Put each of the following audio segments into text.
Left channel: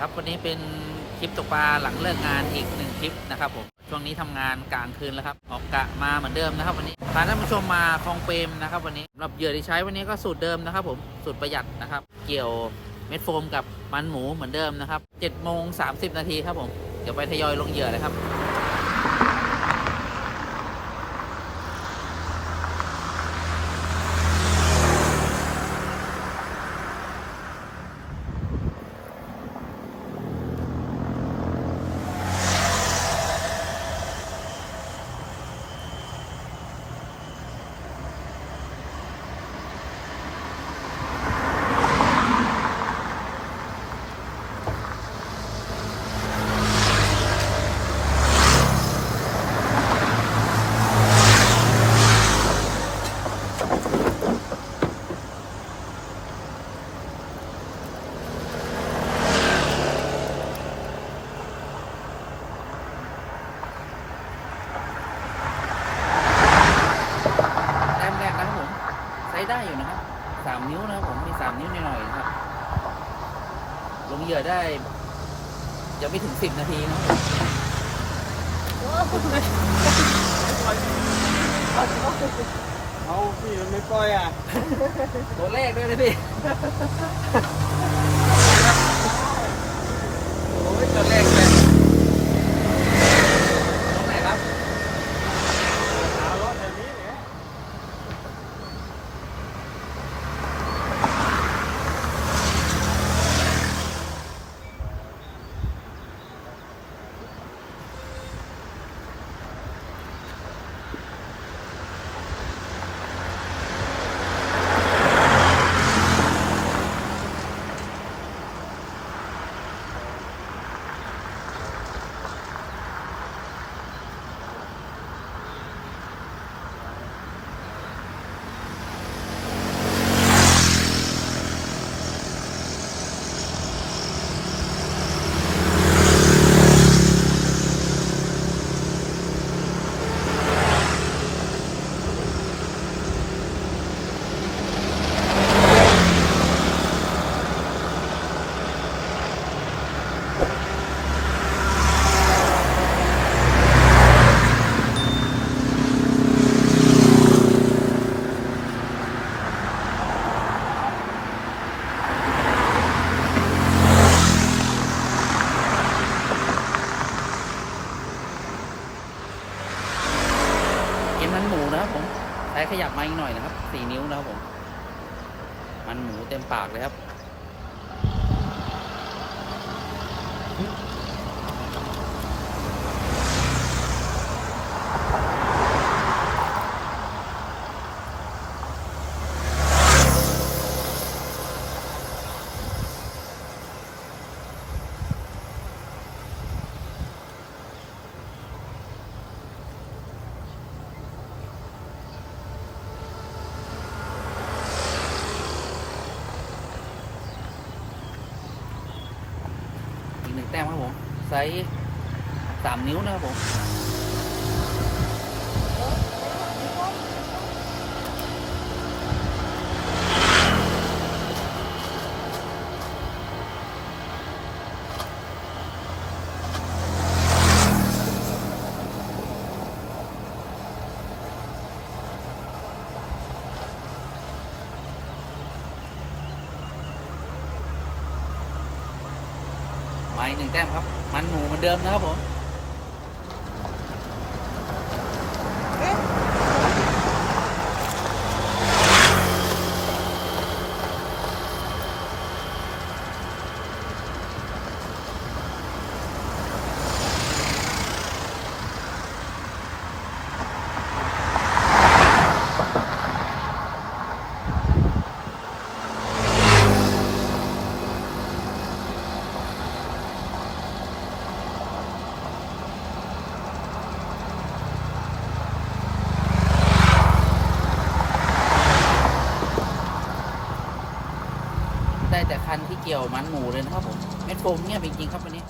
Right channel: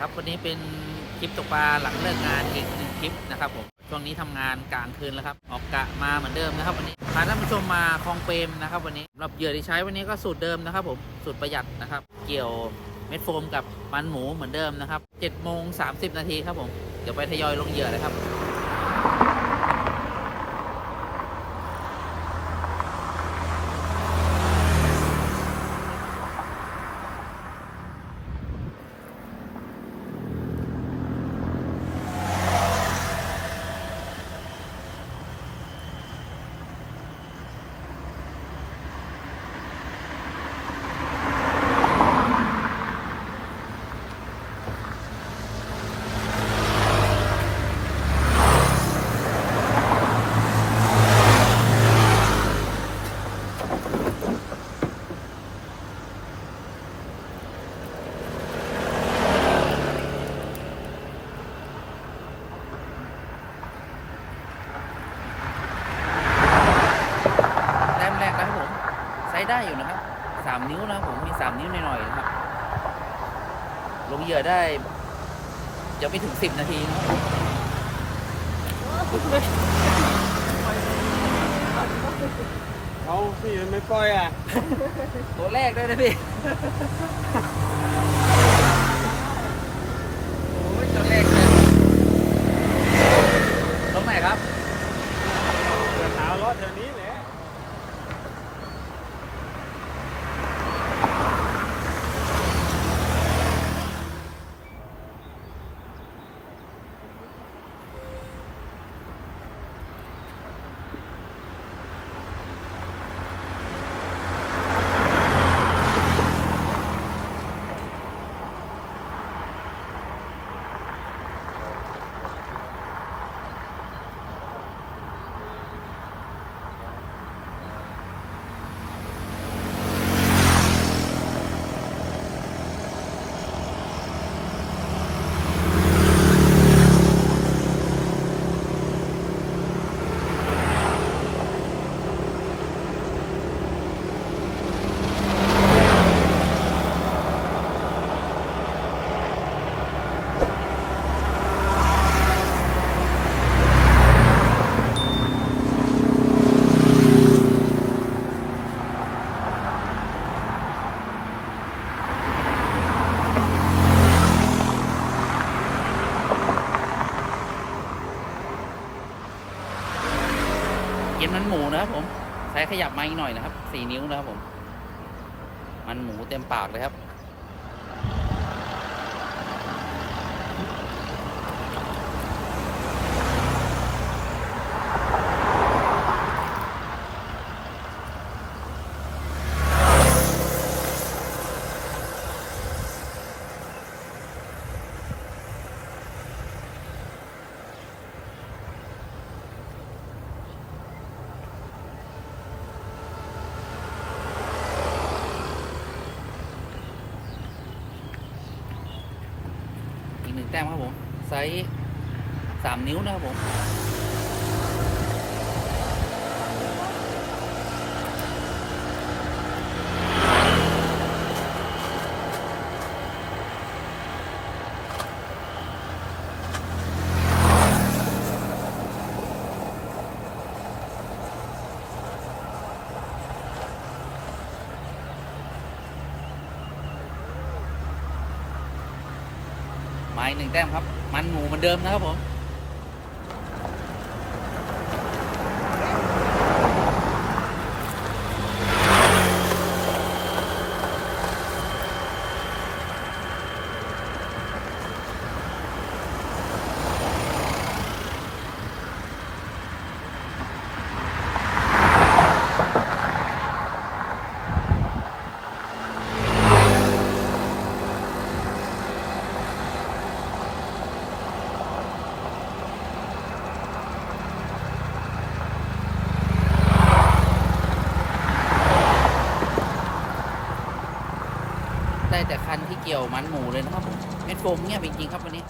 ครับวันนี้เป็นคลิปตกปลาหลังเลิกงานอีกหนึ่งคลิปนะครับผมช่วงนี้ทำงานกลางคืนแล้วครับออกกะมาเหมือนเดิมนะครับ วันนี้พาท่านผู้ชมมาคลองเปรมนะครับวันนี้สำหรับเหยื่อที่ใช้วันนี้ก็สูตรเดิมนะครับ ผมสูตรประหยัดนะครับ เกี่ยวเม็ดโฟมกับมันหมูเหมือนเดิมนะครับ7โมงสานาทีครับผมเดี๋ยวไปทยอยลงเหยื่อเลยครับ ได้อยู่นะครับสามนิ้วนะครับผมมีสามนิ้วหน่อยๆนะครับ ลงเหยื่อได้ยังไม่ถึงสิบนาทีนะครับผมเอาพี่ไม่ปล่อยอะตัวแรกด้วยนะพี่โอ้ยตัวแรกเลยลงไหนครับ เอารถแถวนี้แหละ กินมันหมูนะครับผมใช้ขยับมาอีกหน่อยนะครับสี่นิ้วนะครับผม มันหมูเต็มปากเลยครับ อีกหนึ่งแต้มครับผมไซส์สามนิ้วนะครับผม มาอีกหนึ่งแต้มครับ มันหมูเหมือนเดิมนะครับผม แต่คันที่เกี่ยวมันหมูเลยนะครับผมเม็ดโฟมเงียบจริงๆครับวันนี้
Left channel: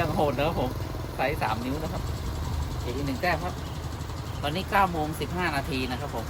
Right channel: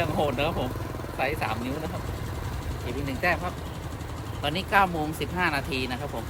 ยังโหดนะครับผมไซส์สามนิ้วนะครับเก็บอีกหนึ่งแต้มครับ ตอนนี้เก้าโมงสิบห้านาทีนะครับผม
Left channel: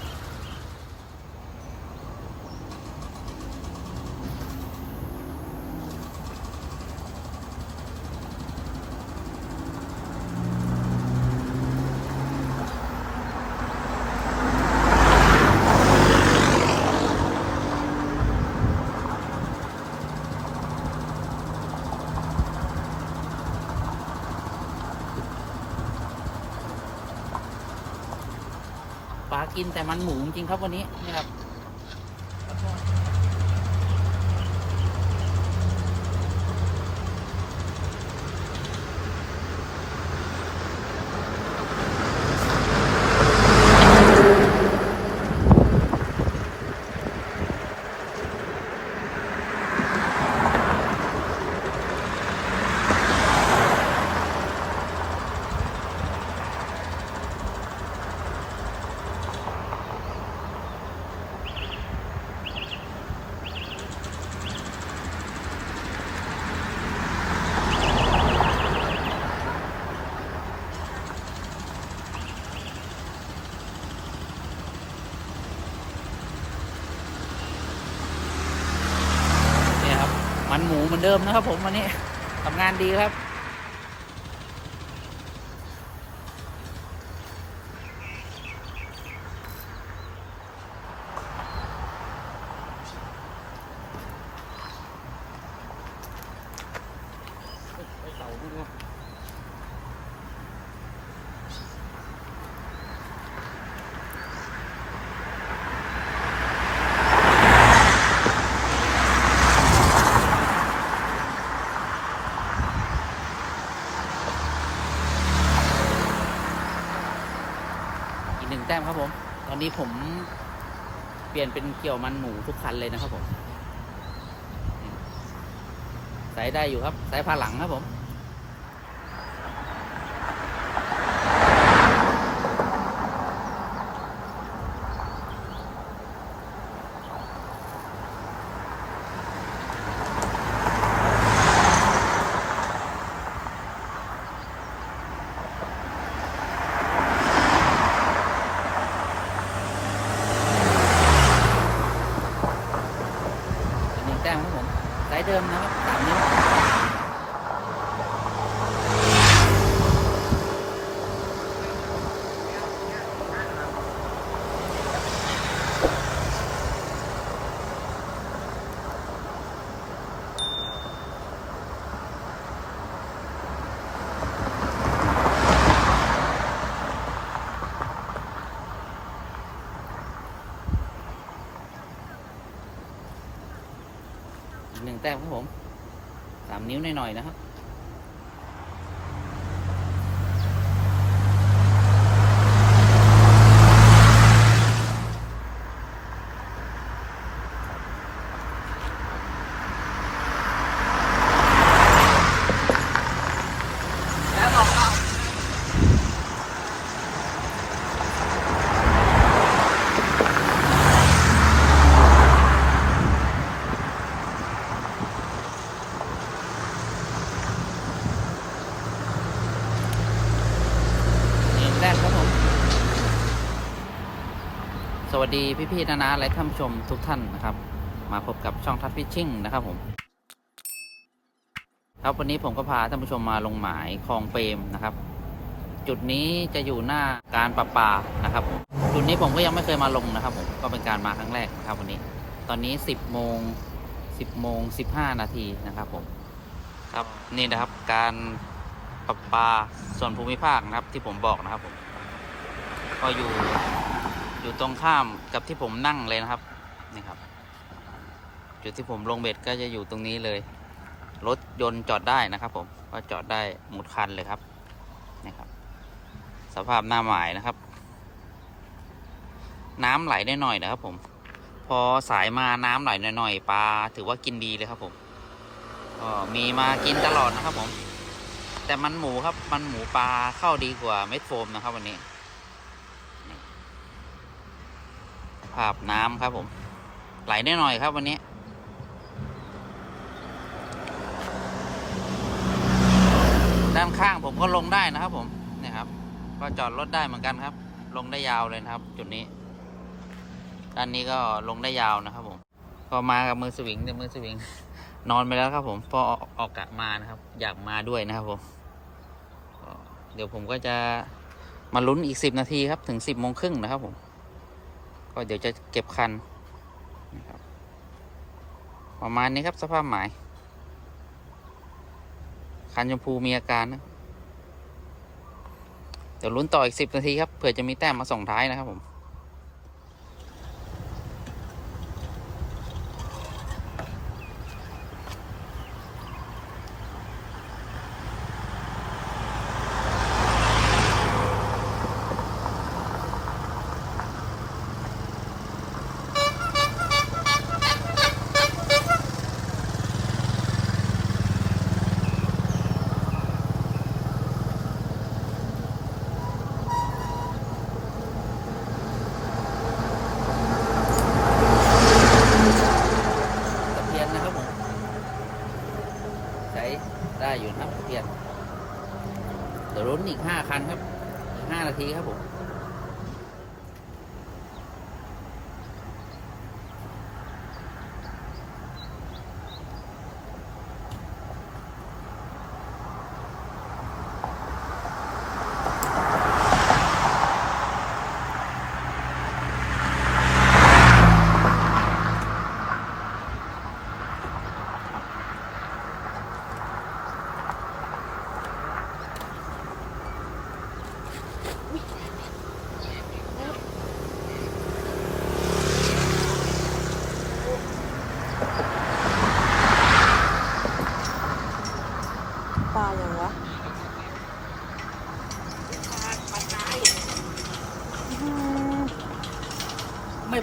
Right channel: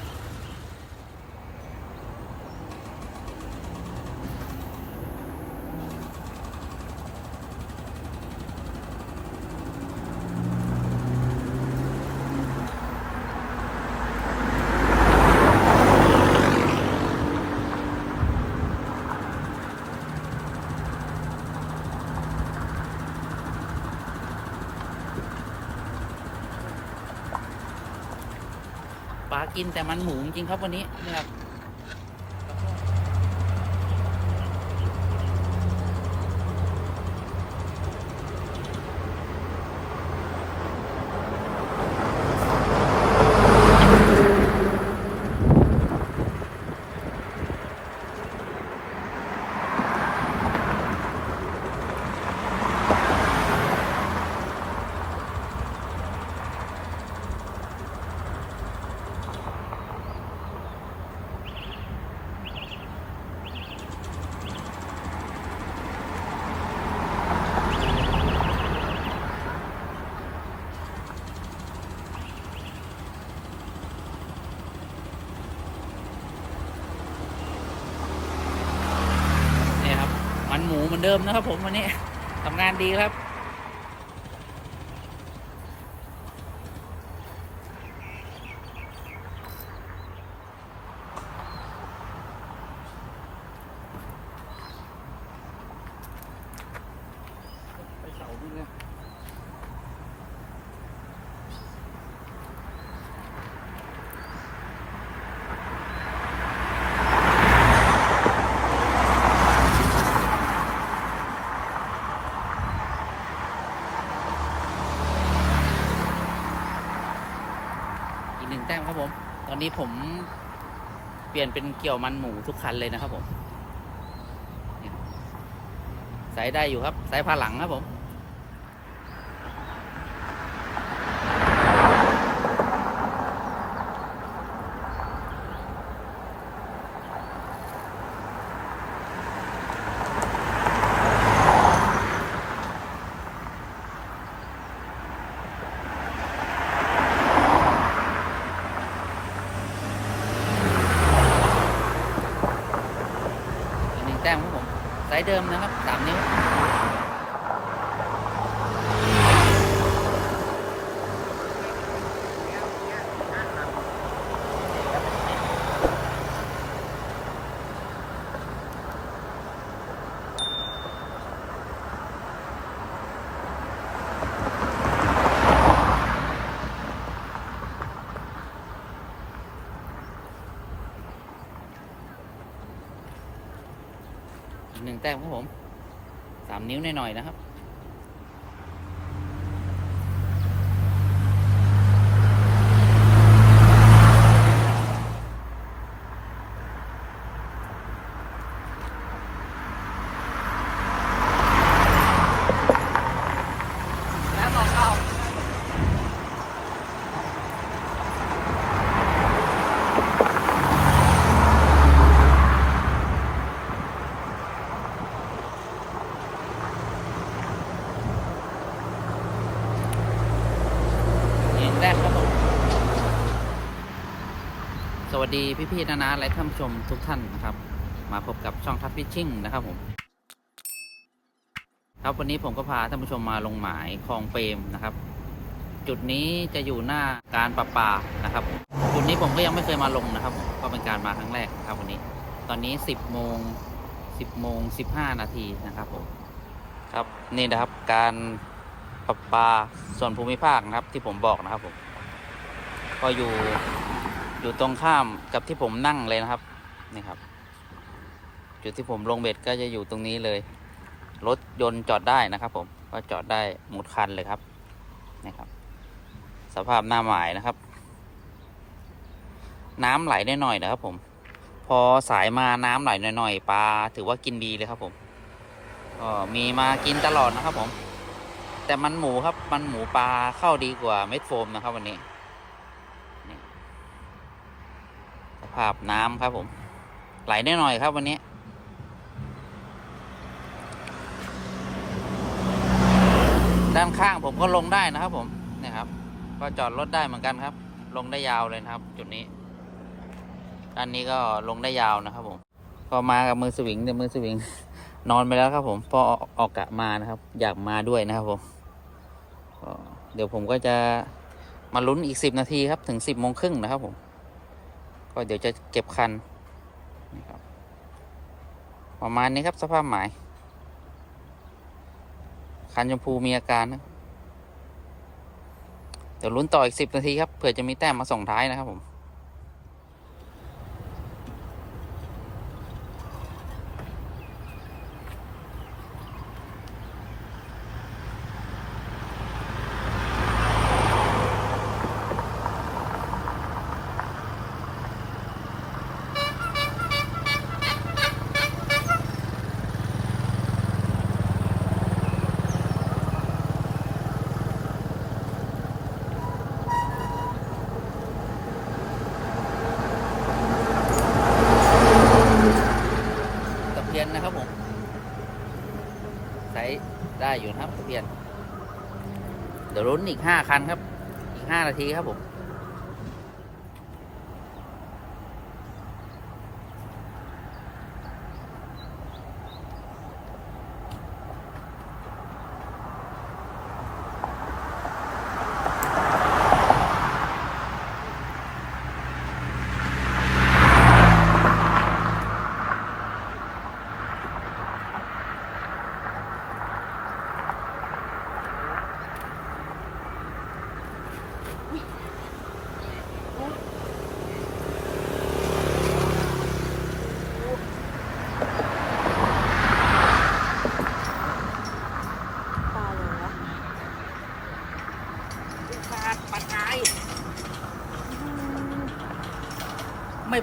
กินแต่มันหมูจริงครับวันนี้นี่ครับ หมูเหมือนเดิมนะครับผมวันนี้ทำงานดีครับ ไปเต่าดูดู อีกหนึ่งแต้มครับผม ตอนนี้ผมเปลี่ยนเป็นเกี่ยวมันหมูทุกคันเลยนะครับผมใส่ได้อยู่ครับใส่ผ้าหลังครับผม อีกหนึ่งแต้มครับ ผมไซส์เดิมนะครับสามนิ้ว แต้มครับผมสามนิ้วหน่อยๆนะครับ นี่แรกครับผม สวัสดีพี่ๆนานาและท่านผู้ชมทุกท่านนะครับ มาพบกับช่องทัดฟิชชิ่งนะครับผม ครับวันนี้ผมก็พาท่านผู้ชมมาลงหมายคลองเปรมนะครับ จุดนี้จะอยู่หน้าการประปานะครับผมจุดนี้ผมก็ยังไม่เคยมาลงนะครับ ผมก็เป็นการมาครั้งแรกนะครับ วันนี้ ตอนนี้สิบโมงสิบโมงสิบห้านาทีนะครับ ผม ครับนี่นะครับการ ประปาส่วนภูมิภาคนะครับ ที่ผมบอกนะครับ ผม ก็อยู่อยู่ตรงข้ามกับที่ผมนั่งเลยนะครับนี่ครับ จุดที่ผมลงเบ็ดก็จะอยู่ตรงนี้เลย รถยนต์จอดได้นะครับ ผมก็จอดได้หมดคันเลยครับนี่ครับ สภาพหน้าหมายนะครับ น้ำไหลได้หน่อยนะครับ ผม พอสายมาน้ำไหลหน่อยๆปลาถือว่ากินดีเลยครับ ผมก็มีมากินตลอดนะครับ ผม แต่มันหมูครับ มันหมูปลาเข้าดีกว่าเม็ดโฟมนะครับ วันนี้สภาพน้ำครับผม ไหลได้หน่อยครับวันนี้ด้านข้างผมก็ลงได้นะครับ ผมเนี่ยครับ ก็จอดรถได้เหมือนกันครับ ลงได้ยาวเลยนะครับ จุดนี้ ด้านนี้ก็ลงได้ยาวนะครับ ผมก็มากับมือสวิงเดี๋ยวมือสวิง นอนไปแล้วครับผมพอออกกะมานะครับ อยากมาด้วยนะครับผมเดี๋ยวผมก็จะมาลุ้นอีกสิบนาทีครับ ถึงสิบโมงครึ่งนะครับผม ก็เดี๋ยวจะเก็บคันนะครับ ประมาณนี้ครับสภาพหมาย คันชมพูมีอาการนะเดี๋ยวลุ้นต่ออีกสิบนาทีครับเผื่อจะมีแต้มมาส่งท้ายนะครับผม ตะเพียนนะครับผมใช้ได้ อยู่นะครับเพียนเดี๋ยวลุ้นอีกห้าคันครับ อีกห้านาทีครับผม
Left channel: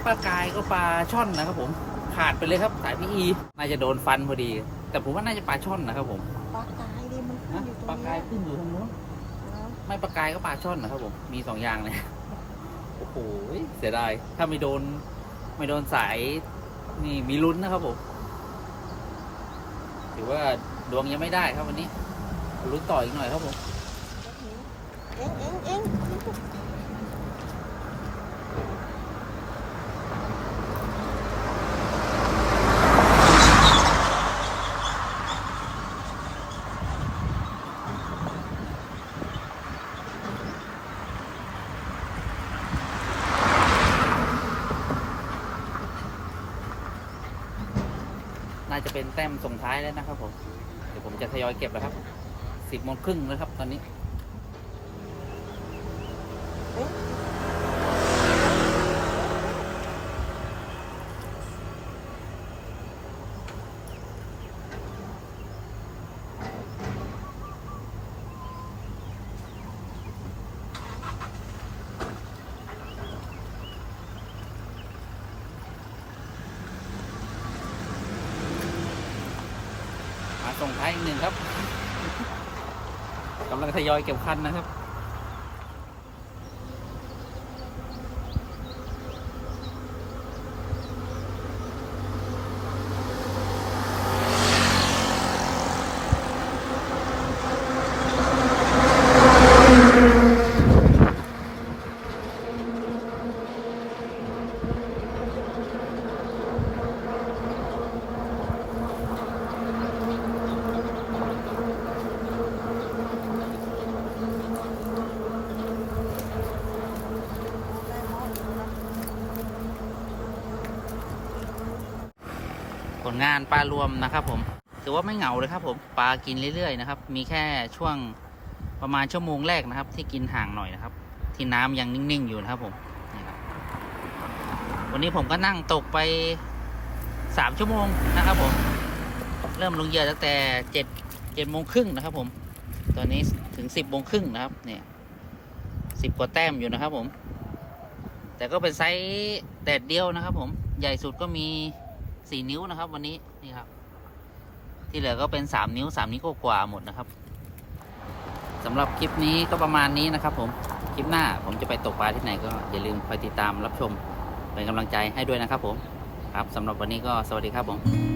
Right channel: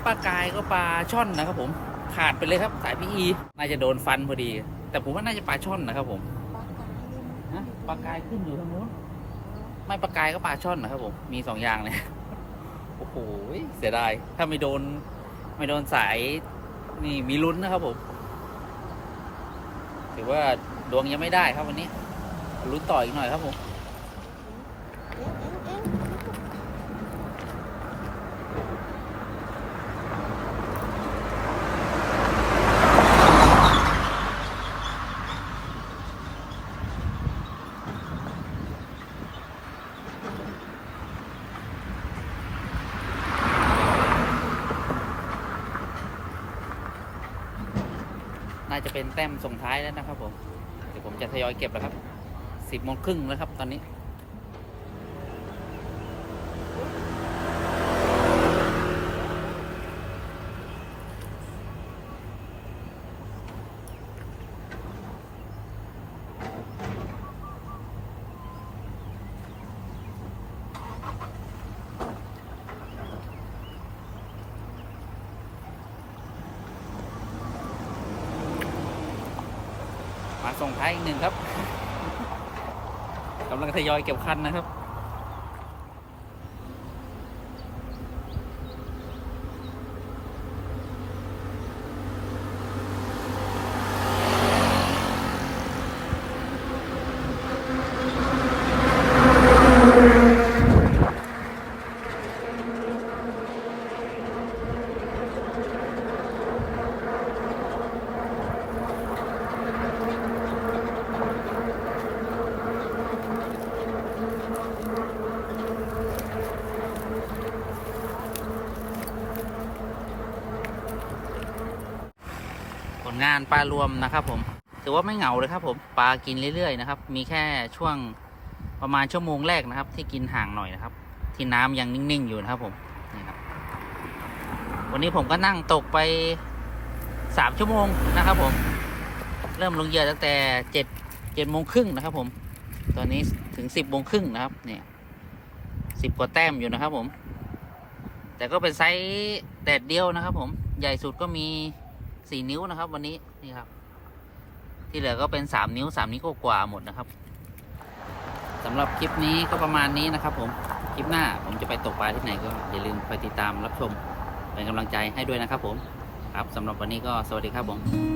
ปลากายก็ปลาช่อนนะครับผมขาดไปเลยครับสายพีอีน่าจะโดนฟันพอดี แต่ผมว่าน่าจะปลาช่อนนะครับผมปลากายดิมฮะปลากายขึ้นอยู่ทางนู้น ไม่ปลากายก็ปลาช่อนนะครับผมมีสองอย่างเลยโอ้โหเสียดายถ้าไม่โดน ไม่โดนสายนี่มีลุ้นนะครับผม ถือว่าดวงยังไม่ได้ครับวันนี้ลุ้นต่ออีกหน่อยครับผม เอ็งเอ็งเอ็ง น่าจะเป็นแต้มส่งท้ายแล้วนะครับผม เดี๋ยวผมจะทยอยเก็บแล้วครับสิบโมงครึ่งแล้วครับตอนนี้ ส่งท้ายอีกหนึ่งครับกำลังทยอยเก็บคันนะครับ งานปลารวมนะครับ ผมถือว่าไม่เหงาเลยครับ ผมปลากินเรื่อยๆนะครับ มีแค่ช่วงประมาณชั่วโมงแรกนะครับ ที่กินห่างหน่อยนะครับ ที่น้ำยังนิ่งๆอยู่นะครับ ผมนี่ครับ วันนี้ผมก็นั่งตกไปสามชั่วโมงนะครับ ผม เริ่มลงเหยื่อตั้งแต่เจ็ดเจ็ดโมงครึ่งนะครับ ผม ตอนนี้ถึงสิบโมงครึ่งนะครับ เนี่ยสิบกว่าแต้มอยู่นะครับ ผม แต่ก็เป็นไซส์แดดเดียวนะครับ ผมใหญ่สุดก็มี สี่นิ้วนะครับ วันนี้นี่ครับ ที่เหลือก็เป็นสามนิ้วสามนิ้วกว่าหมดนะครับสำหรับคลิปนี้ก็ประมาณนี้นะครับ ผมคลิปหน้าผมจะไปตกปลาที่ไหนก็อย่าลืมคอยติดตามรับชมเป็นกำลังใจให้ด้วยนะครับ ผมครับสำหรับวันนี้ก็สวัสดีครับผม